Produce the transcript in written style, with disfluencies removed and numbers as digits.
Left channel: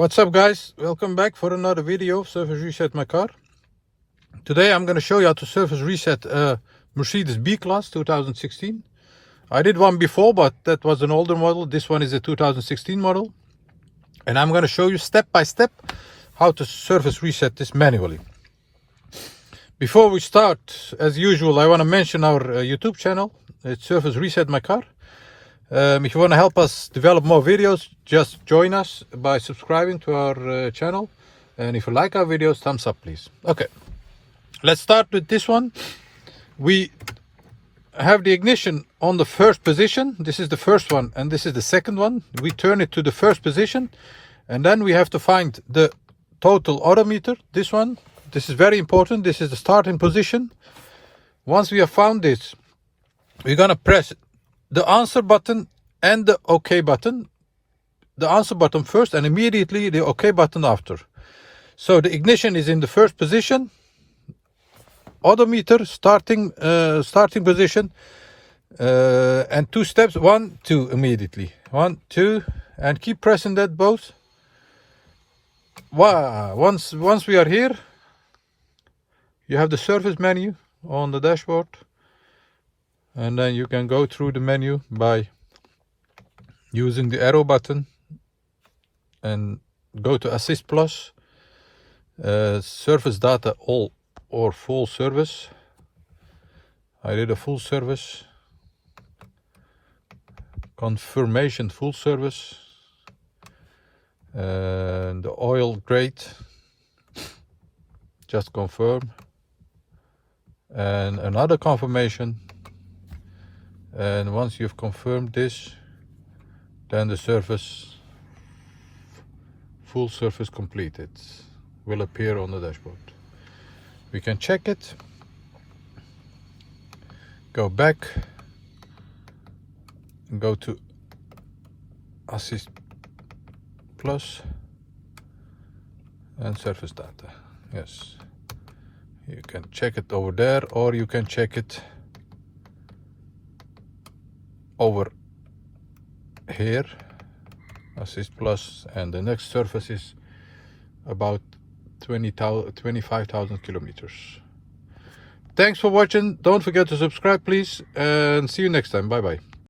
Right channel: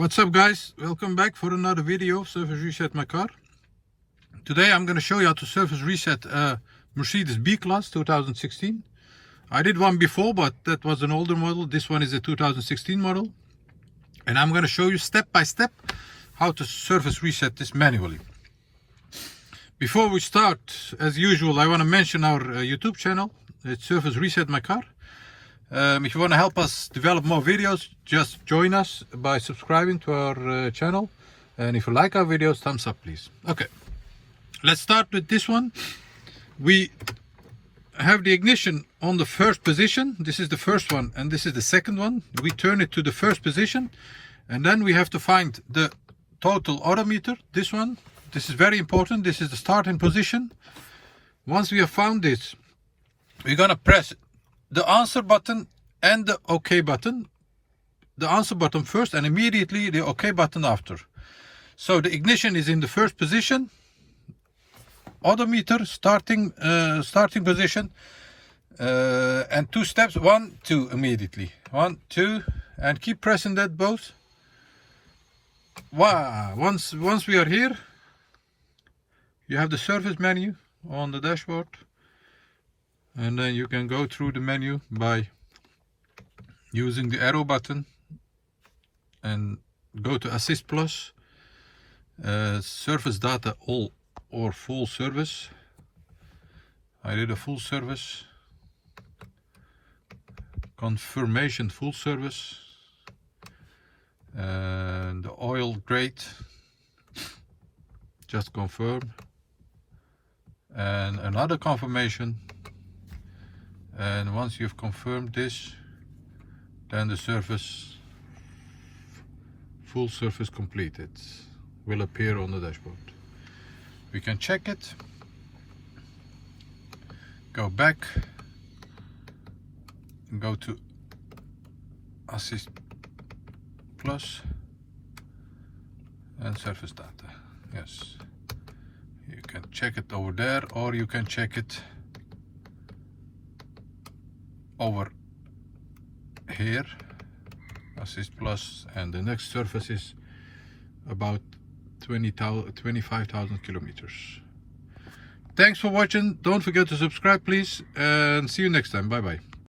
What's up guys, welcome back for another video, Surface Reset my car. Today I'm going to show you how to surface reset a Mercedes B-Class 2016. I did one before, but that was an older model. This one is a 2016 model. And I'm going to show you step by step how to surface reset this manually. Before we start, as usual, I want to mention our YouTube channel. It's Surface Reset my car. If you want to help us develop more videos, just join us by subscribing to our channel. And if you like our videos, thumbs up please. Okay, let's start with this one. We have the ignition on the first position. This is the first one and this is the second one. We turn it to the first position and then we have to find the total odometer. This one, this is very important. This is the starting position. Once we have found this, we're gonna press the answer button and the OK button. The answer button first and immediately the OK button after. So the ignition is in the first position. Odometer starting position. And two steps, 1, 2 immediately. 1, 2, and keep pressing that both. Wow. Once we are here, you have the service menu on the dashboard. And then you can go through the menu by using the arrow button and go to Assist Plus, Service Data All or Full Service. I did a full service. Confirmation Full Service. The oil grade, just confirm. And another confirmation. And once you've confirmed this, then the service, full service completed, will appear on the dashboard. We can check it, go back, and go to Assist Plus and Service Data. Yes, you can check it over there, or you can check it over here, Assist Plus, and the next surface is about 25,000 kilometers. Thanks for watching. Don't forget to subscribe please, and see you next time. Bye bye.